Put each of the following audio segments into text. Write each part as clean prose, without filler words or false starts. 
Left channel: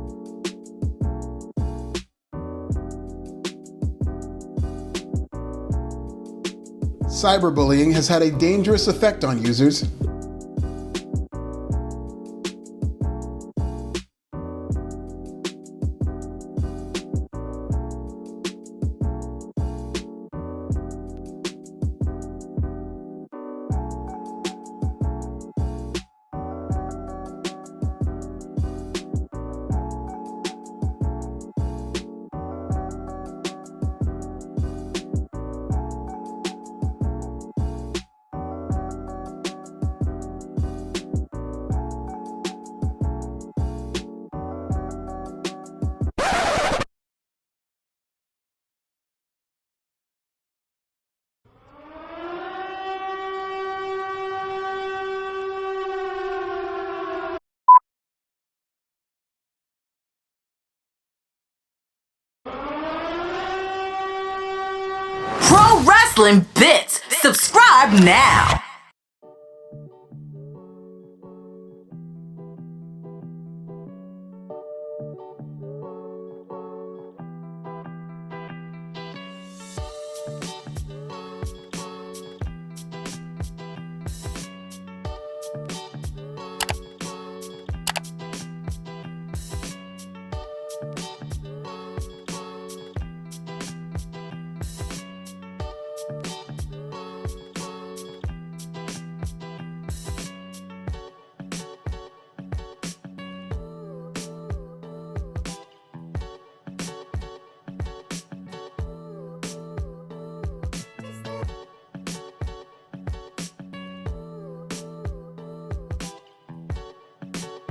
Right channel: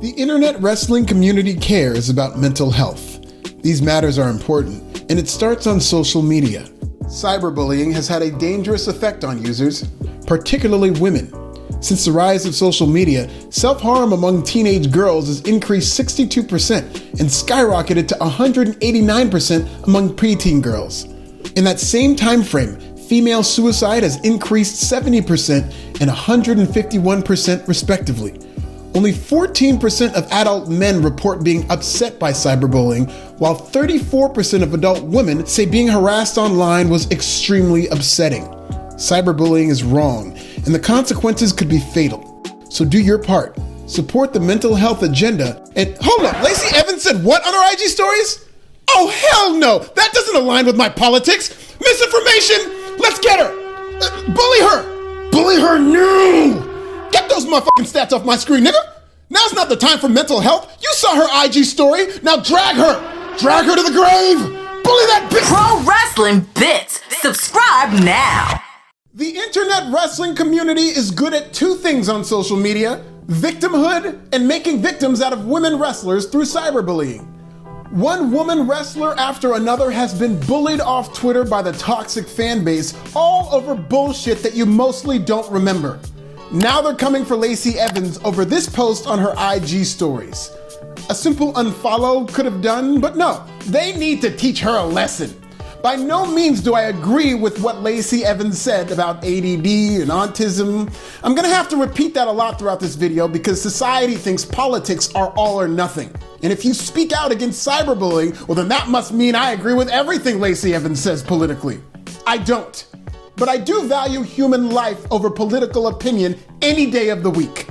The internet wrestling community cares about mental health. These matters are important, and it starts on social media. Cyberbullying has had a dangerous effect on users, particularly women. Since the rise of social media, self-harm among teenage girls has increased 62% and skyrocketed to 189% among preteen girls. In that same time frame, female suicide has increased 70% and 151% respectively. Only 14% of adult men report being upset by cyberbullying, while 34% of adult women say being harassed online was extremely upsetting. Cyberbullying is wrong, and the consequences could be fatal. So do your part. Support the mental health agenda. And hold up, Lacey Evans said what on her IG stories? Oh, hell no! That doesn't align with my politics! Misinformation! Let's get her! Bully her! Bully her now! Get those motherfucking stats off my screen, nigga! Now's not the time for mental health. You saw her IG story. Now drag her. Drag her to the grave. Bully that bitch. Pro Wrestling Bits. Subscribe now. The internet wrestling community is good at two things on social media: victimhood and making victims out of women wrestlers through cyberbullying. One woman wrestler after another has been bullied off Twitter by the toxic fan base, all over bullshit that you mostly don't remember. Now they're coming for Lacey Evans over this post on her IG stories. A simple unfollow could have done, but no, they need to teach her a lesson. By no means do I agree with what Lacey Evans said about ADD and autism. I'm gonna have to repeat that a lot throughout this video because society thinks politics are all or nothing. And if you speak out against cyberbullying, well then that must mean I agree with everything Lacey Evans says politically. I don't. But I do value human life over political opinion any day of the week.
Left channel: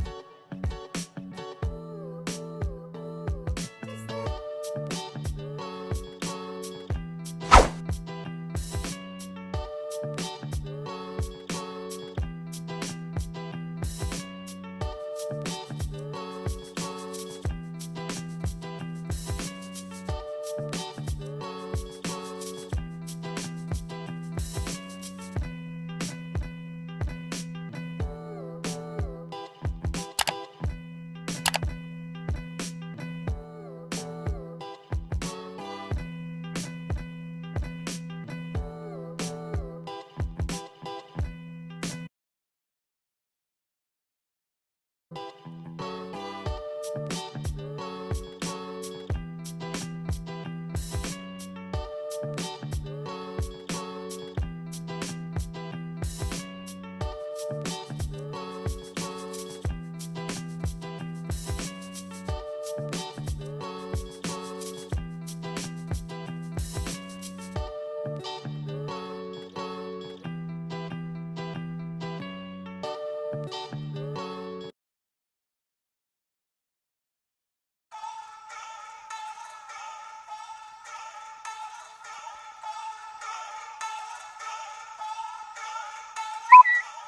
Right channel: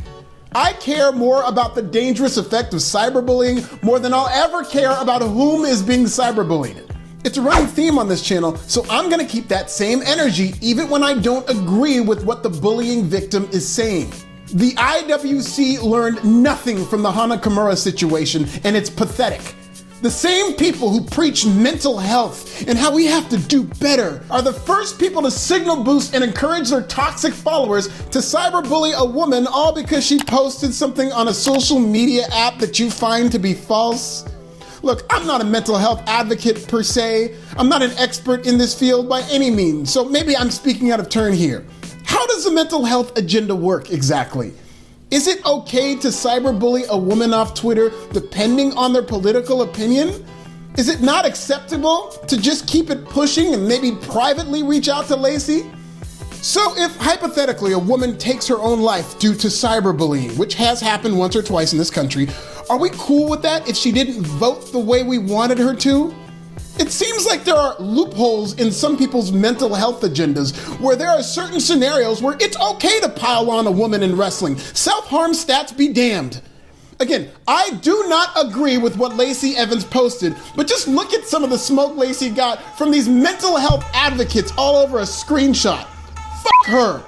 I care more about the dangerous effect of cyberbullying more than I'll ever care about whom is being cyberbullied. It's a running theme on this channel, so I'm gonna keep that same energy even when I don't agree with what the bullying victim is saying. The IWC learned nothing from the Hana Kimura situation, and it's pathetic. The same people who preach mental health and how we have to do better are the first people to signal boost and encourage their toxic followers to cyberbully a woman, all because she posted something on a social media app that you find to be false. Look, I'm not a mental health advocate per se. I'm not an expert in this field by any means, so maybe I'm speaking out of turn here. How does the mental health agenda work exactly? Is it okay to cyberbully a woman off Twitter depending on their political opinion? Is it not acceptable to just keep it pushing and maybe privately reach out to Lacey? So if hypothetically a woman takes her own life due to cyberbullying, which has happened once or twice in this country, are we cool with that if she didn't vote the way we wanted her to? It seems like there are loopholes in some people's mental health agendas where there are certain scenarios where it's okay to pile on a woman in wrestling. Self-harm stats be damned. Again, I do not agree with what Lacey Evans posted, but just look at some of the smoke Lacey got from these mental health advocates all over a screenshot. Fuck her.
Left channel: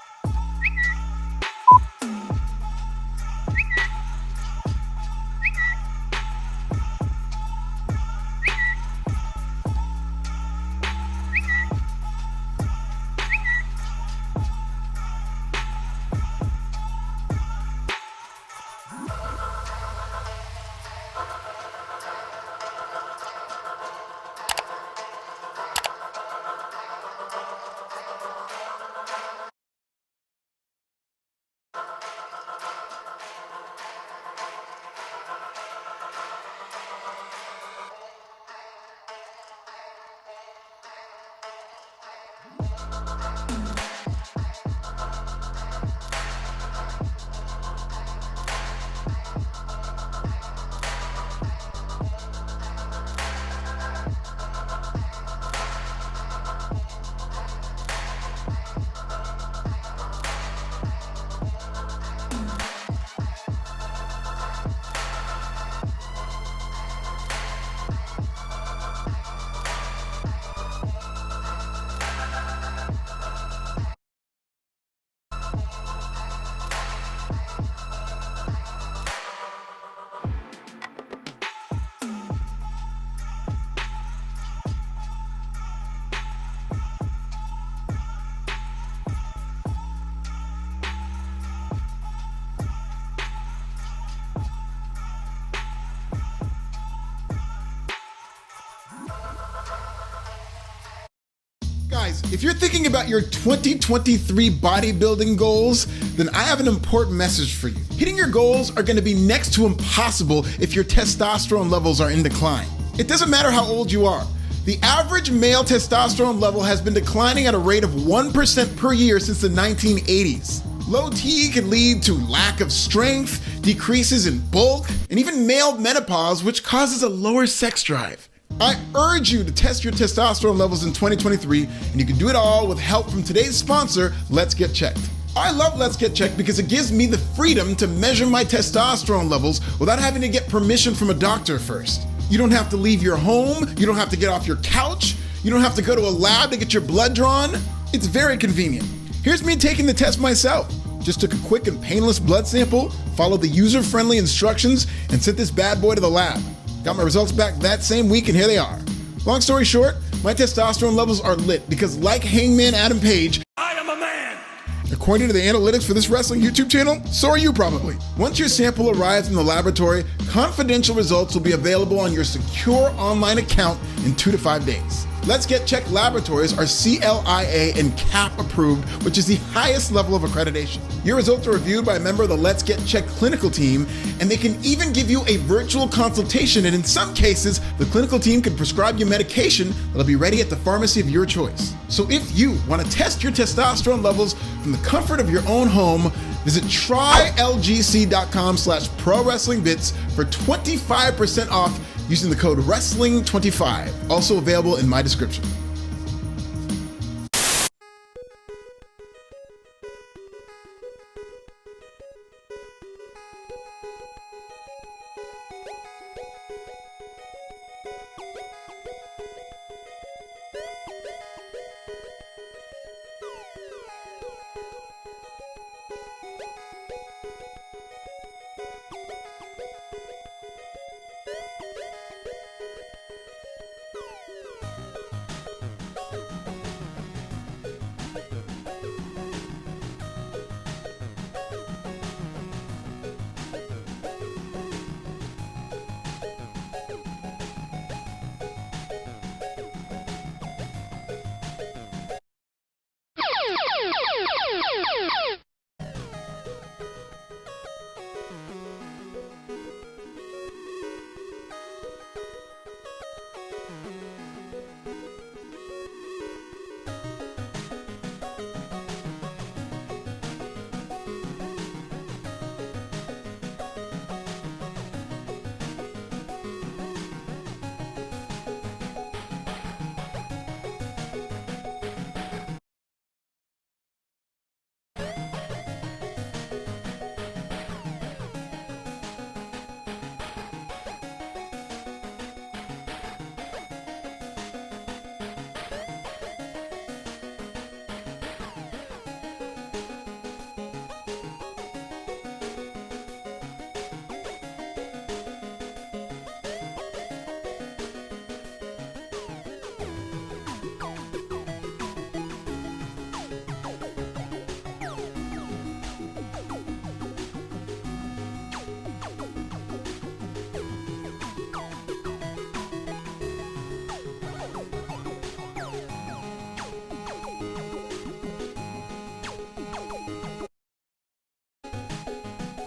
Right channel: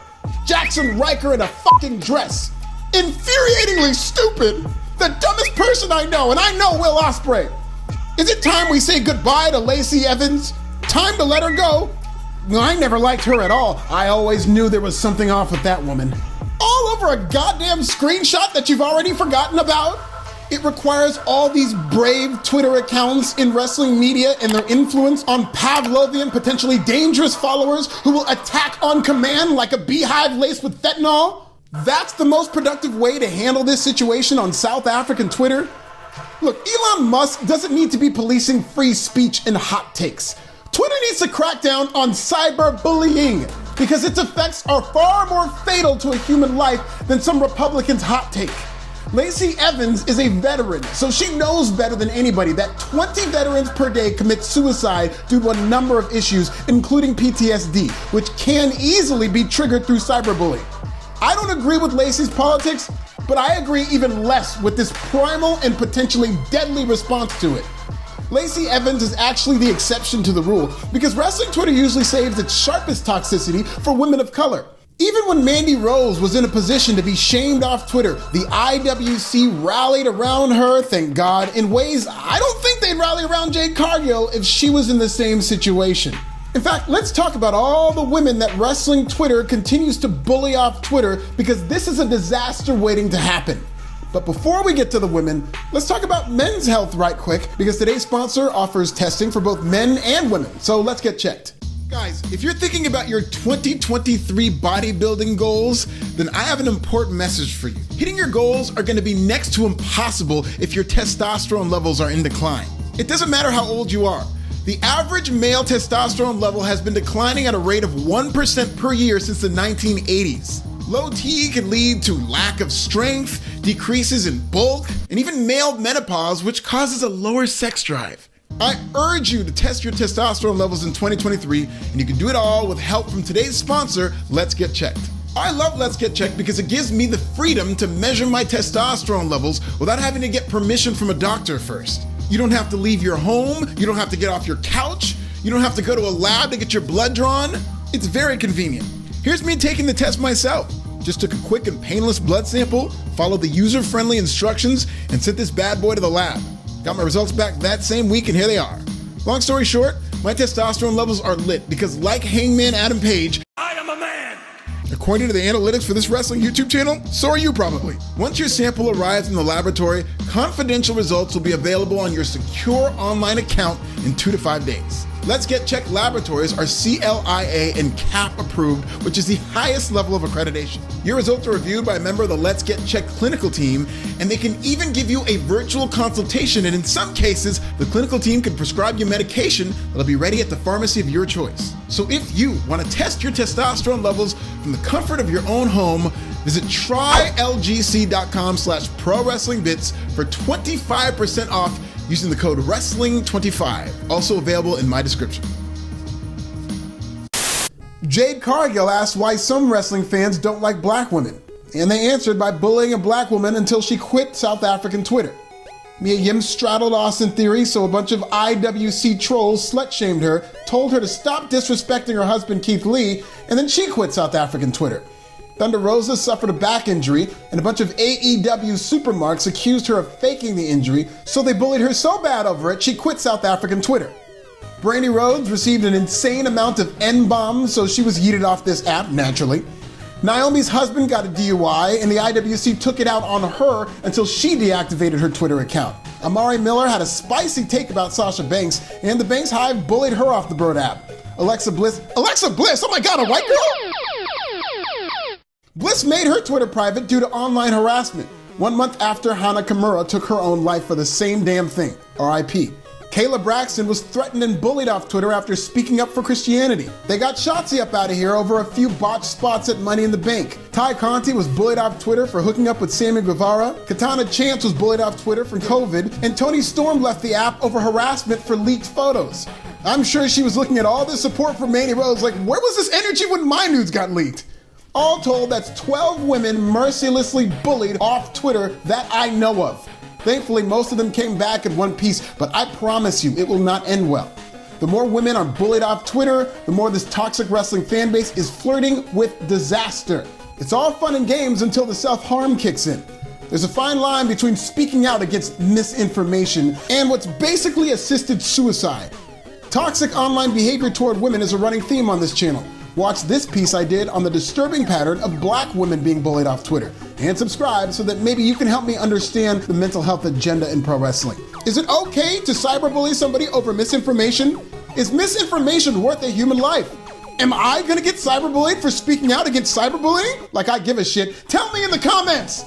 Jackson Riker in a fucking dress. Infuriatingly stupid. The dumbest person I know, and I know Will Ospreay. Is it time we say goodbye to Lacey Evans? Time to let her go? No, I never liked her at all. I always knew there was something off with that woman. All over a goddamn screenshot that you've already forgotten about? It requires all these brave Twitter accounts in wrestling media and their influence on Pavlovian, potentially dangerous followers who will attack on command like a beehive laced with fentanyl? That's the most productive way to handle this situation on South African Twitter? Look, Elon Musk doesn't need to be policing free speech and hot takes. Twitter needs to crack down on cyberbullying because its effects are far more fatal to a human life than some Republican's hot take. Lacey Evans is a veteran, so she knows better than anybody that 20 veterans per day commit suicide due to a number of issues, including PTSD, which can easily be triggered through cyberbullying. I don't agree with Lacey's politics, but I agree even less with this primal and potentially deadly response to it. Lacey Evans is actually the exception to the rule because wrestling Twitter usually saves its sharpest toxicity for women of color. Even when Mandy Rose was in a position to be shamed off Twitter, the IWC rallied around her, thank God, in ways I don't think they'd rally around Jade Cargill if she was in the same situation. In fact, let's talk about all the women that wrestling Twitter continues to bully off Twitter because this is a disaster waiting to happen. But before we get to the women, let's talk about men's health right quick, because today's sponsor offers testing for both men and women. So let's get checked. Guys, if you're thinking about your 2023 bodybuilding goals, then I have an important message for you. Hitting your goals are going to be next to impossible if your testosterone levels are in decline. It doesn't matter how old you are. The average male testosterone level has been declining at a rate of 1% per year since the 1980s. Low T can lead to lack of strength, decreases in bulk, and even male menopause, which causes a lower sex drive. I urge you to test your testosterone levels in 2023, and you can do it all with help from today's sponsor, Let's Get Checked. I love Let's Get Checked because it gives me the freedom to measure my testosterone levels without having to get permission from a doctor first. You don't have to leave your home, you don't have to get off your couch, you don't have to go to a lab to get your blood drawn. It's very convenient. Here's me taking the test myself. Just took a quick and painless blood sample, followed the user-friendly instructions, and sent this bad boy to the lab. Got my results back that same week, and here they are. Long story short, my testosterone levels are lit because, like Hangman Adam Page, I am a man. According to the analytics for this wrestling YouTube channel, so are you probably. Once your sample arrives in the laboratory, confidential results will be available on your secure online account in 2 to 5 days. Let's Get Checked laboratories are CLIA and CAP approved, which is the highest level of accreditation. Your results are reviewed by a member of the Let's Get Checked clinical team, and they can even give you a virtual consultation, and in some cases, the clinical team can prescribe you medication that'll be ready at the pharmacy of your choice. So if you want to test your testosterone levels from the comfort of your own home, visit trylgc.com/prowrestlingbits for 25% off using the code WRESTLING25, also available in my description. Jade Cargill asked why some wrestling fans don't like black women, and they answered by bullying a black woman until she quit South African Twitter. Mia Yim straddled Austin Theory, so a bunch of IWC trolls slut-shamed her, told her to stop disrespecting her husband Keith Lee, and then she quit South African Twitter. Thunder Rosa suffered a back injury, and a bunch of AEW supermarks accused her of faking the injury, so they bullied her so bad over it, she quit South African Twitter. Brandy Rhodes received an insane amount of N-bombs, so she was yeeted off this app, naturally. Naomi's husband got a DUI, and the IWC took it out on her until she deactivated her Twitter account. Amari Miller had a spicy take about Sasha Banks, and the Banks Hive bullied her off the Bird app. Alexa Bliss, oh my god, a white girl? Bliss made her Twitter private due to online harassment, 1 month after Hana Kimura took her own life for the same damn thing, RIP. Kayla Braxton was threatened and bullied off Twitter after speaking up for Christianity. They got Shotzi up out of here over a few botched spots at Money in the Bank. Ty Conti was bullied off Twitter for hooking up with Sammy Guevara. Katana Chance was bullied off Twitter from COVID. And Toni Storm left the app over harassment for leaked photos. I'm sure she was looking at all this support from Mandy Rose like, where was this energy when my nudes got leaked? All told, that's 12 women mercilessly bullied off Twitter that I know of. Thankfully, most of them came back in one piece, but I promise you, it will not end well. The more women are bullied off Twitter, the more this toxic wrestling fan base is flirting with disaster. It's all fun and games until the self-harm kicks in. There's a fine line between speaking out against misinformation and what's basically assisted suicide. Toxic online behavior toward women is a running theme on this channel. Watch this piece I did on the disturbing pattern of black women being bullied off Twitter. And subscribe so that maybe you can help me understand the mental health agenda in pro wrestling. Is it okay to cyberbully somebody over misinformation? Is misinformation worth a human life? Am I gonna get cyberbullied for speaking out against cyberbullying? Like I give a shit. Tell me in the comments!